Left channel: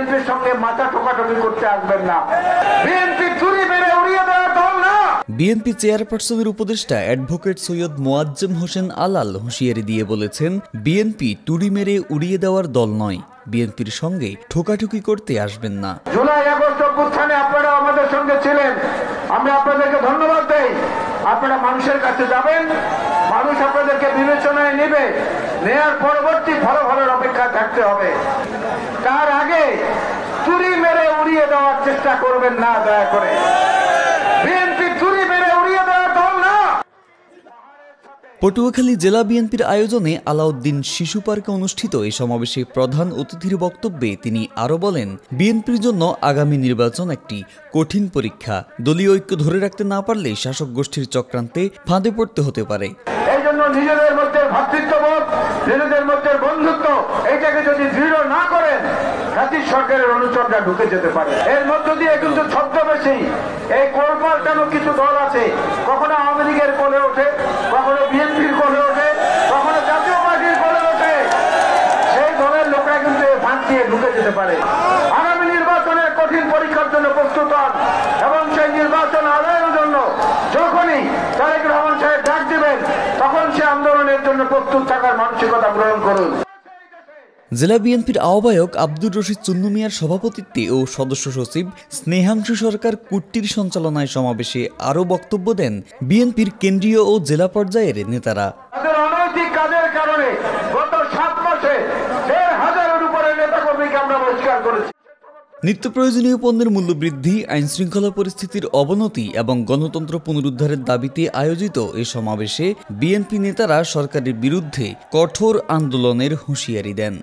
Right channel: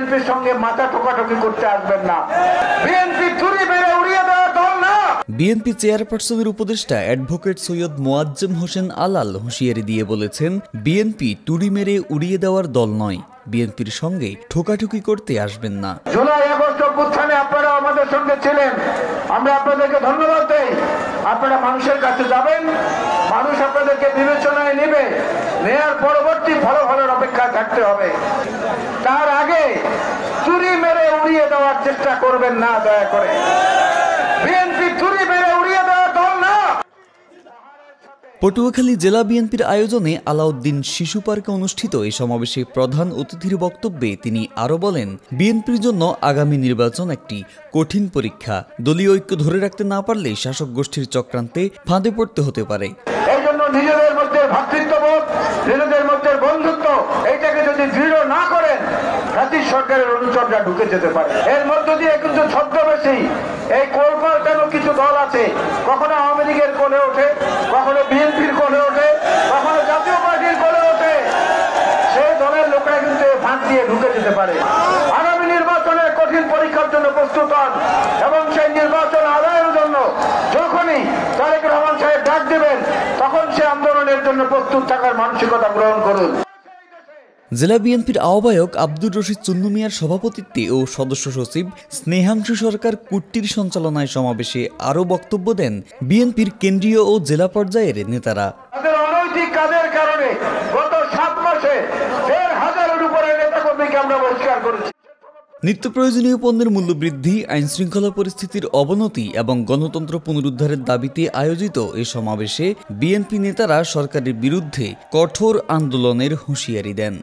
বিএনপির সঙ্গে মাথা ঠোকাঠুকি করতে আসবেন না। বিএনপি চুরি মেরে উড়িয়ে দেওয়া দল না। বিএনপি চেয়ারপারসনের উপদেষ্টা অ্যাডভোকেট সৈয়দ মোয়াজ্জেম হোসেন আলাল হুঁশিয়ারি দিয়ে বলেছেন, বিএনপি টুরি মেরে উড়িয়ে দেওয়ার দল নয়, বিএনপির সঙ্গে ঠোকাঠুকি করতে আসবেন না। জুলাই আগস্ট অভ্যুত্থানে আপনারা আমাদের সঙ্গে ছিলেন, আমরা আপনাদেরকে ধন্যবাদ দেই। আপনারা মানুষের কাছে যাবেন, মানুষ আপনাদেরকে বিবেচনায় নেবে, নেয়ার পরবর্তী ফলাফলের অপেক্ষায় থাকতে হবে। তার আগে চুরি মেরে উড়িয়ে দেওয়ার চেষ্টা করবেন না দয়া করে। বিএনপি চুরি মেরে উড়িয়ে দেওয়ার দল না। পটুয়াখালী জেলা বিএনপির আয়োজনে আলাউদ্দিন শিশু পার্কে অনুষ্ঠিত এই সমাবেশে প্রধান অতিথির বক্তব্যে তিনি আরও বলেন, বিএনপির জন্য আগামী নির্বাচন একটি কঠিন পরীক্ষা। দলীয় ঐক্য ধরে রাখতে না পারলে শাসক গোষ্ঠীর চক্রান্তে ফাঁদে পড়তে হতে পারে। এই জন্য নিজেদের মধ্যে ভ্রাতৃত্ববোধ, নিজেদের মধ্যে বন্ধুত্ব, এইটাকে যদি দৃঢ় না করেন, জাতীয় সরকারের অনুচররা ঢুকে যেতে পারে। এর মধ্য দিয়ে কিন্তু ছদ্মবেশী এই কোল পাল্টানো কিছু দল আছে, কখনো আওয়ামী লীগের কোলে ওঠে, কখনো বিএনপির কোলে ওঠে, কখনো জাতীয় পার্টির কোলে ওঠে। সেই দলের লোকরা কিন্তু ফাঁদ দিয়ে ঢুকে যেতে পারে। আগামী নির্বাচনের কঠিন পরীক্ষার জন্য প্রস্তুত হন এবং সেই নির্বাচন আদায়ের জন্য যখনই তারেক রহমান সাহেব ডাক দেবেন, তখন সে আন্দোলনের জন্য প্রস্তুত থাকার মানসিকতা গ্রহণ করুন। জেলা বিএনপির আহ্বায়ক আব্দুর রশিদ চুন্নু মিয়ার সভাপতিত্বে ও সদস্য সচিব স্নেহাংশু সরকার কুট্টির সঞ্চালনায় সমাবেশে আরও বক্তব্য দেন বিএনপির কেন্দ্রীয় ও জেলা পর্যায়ের নেতারা। অনৈতিক কাজের কারণে গত 7 মাসে 1,500-এর উপরে নেতাকর্মীকে আমরা বহিষ্কার করেছি। নিত্য প্রয়োজনীয় পণ্যের মূল্য বৃদ্ধি, আইনশৃঙ্খলা পরিস্থিতির অবনতি এবং গণতন্ত্র পুনরুদ্ধারের দাবিতে আয়োজিত এ সমাবেশে বিএনপি নেতারা সরকারের বিরুদ্ধে কঠোর আন্দোলনের হুঁশিয়ারি দেন।